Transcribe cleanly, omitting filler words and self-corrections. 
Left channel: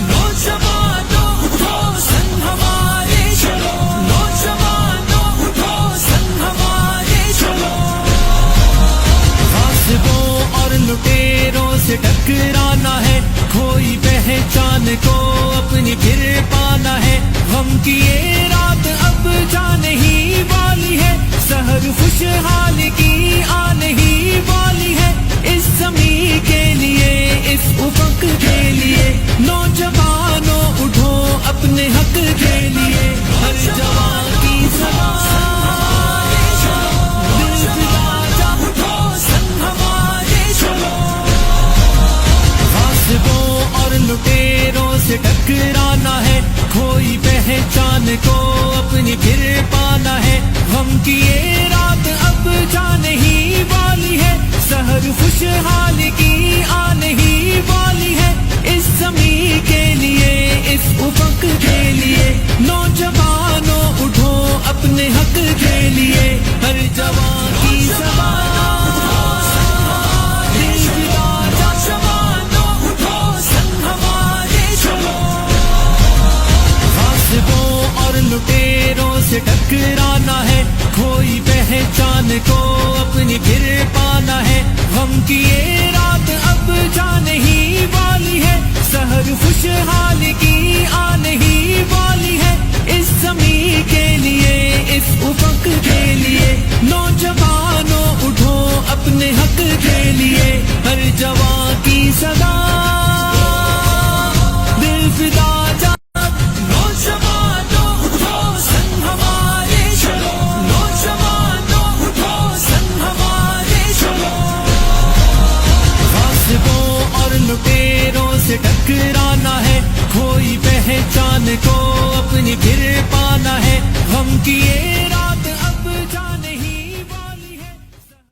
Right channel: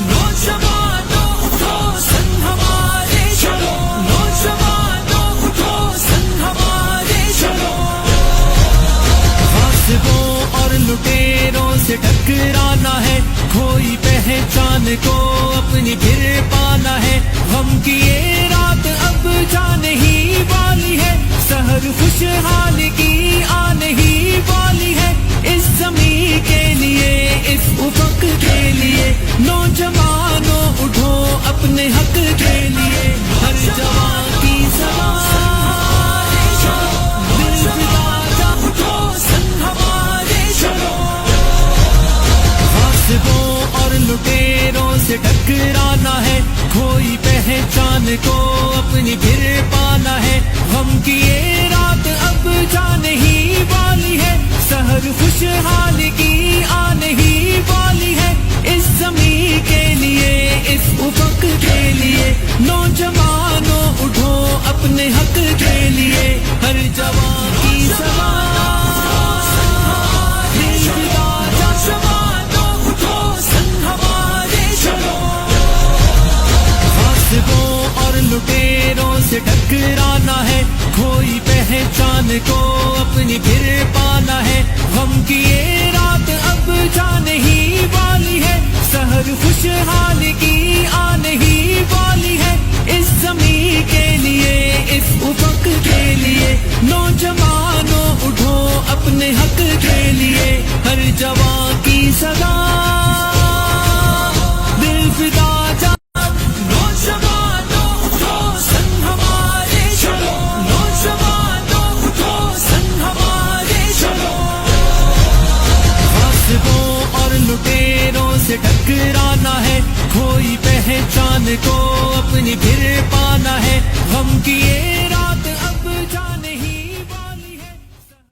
نوجوانوں اٹھو سنگ ہمارے چلو، نوجوانوں اٹھو سنگ ہمارے چلو، غاصبوں اور لٹیروں سے ٹکرانا ہے، کھوئی پہچان کو اپنی پھر پانا ہے، غم کی یہ رات اب جانے ہی والی ہے، سحر خوشحال کی آنے ہی والی ہے، اس زمین کے لیے اس افق کے لیے، نوجوانوں اٹھو اپنے حق کے لیے، ہر جوان کی زبان دل فدا جا اٹھو سنگ ہمارے چلو، غاصبوں اور لٹیروں سے ٹکرانا ہے، کھوئی پہچان کو اپنی پھر پانا ہے، غم کی یہ رات اب جانے ہی والی ہے، سحر خوشحال کی آنے ہی والی ہے، اس زمین کے لیے اس افق کے لیے، نوجوانوں اٹھو اپنے حق کے لیے، ہر جوان کی زبان دل فدا جا، جوانوں اٹھو سنگ ہمارے چلو، غاصبوں اور لٹیروں سے ٹکرانا ہے، کھوئی پہچان کو اپنی پھر پانا ہے، غم کی یہ رات اب جانے ہی والی ہے، سحر خوشحال کی آنے ہی والی ہے، اس زمین کے لیے اس افق کے لیے، نوجوانوں اٹھو اپنے حق کے لیے، ہر جوان کی صدا دل فدا جا، نوجوانوں اٹھو سنگ ہمارے چلو، نوجوانوں اٹھو سنگ ہمارے چلو، غاصبوں اور لٹیروں سے ٹکرانا ہے، کھوئی پہچان کو اپنی پھر پانا ہے، غم کی یہ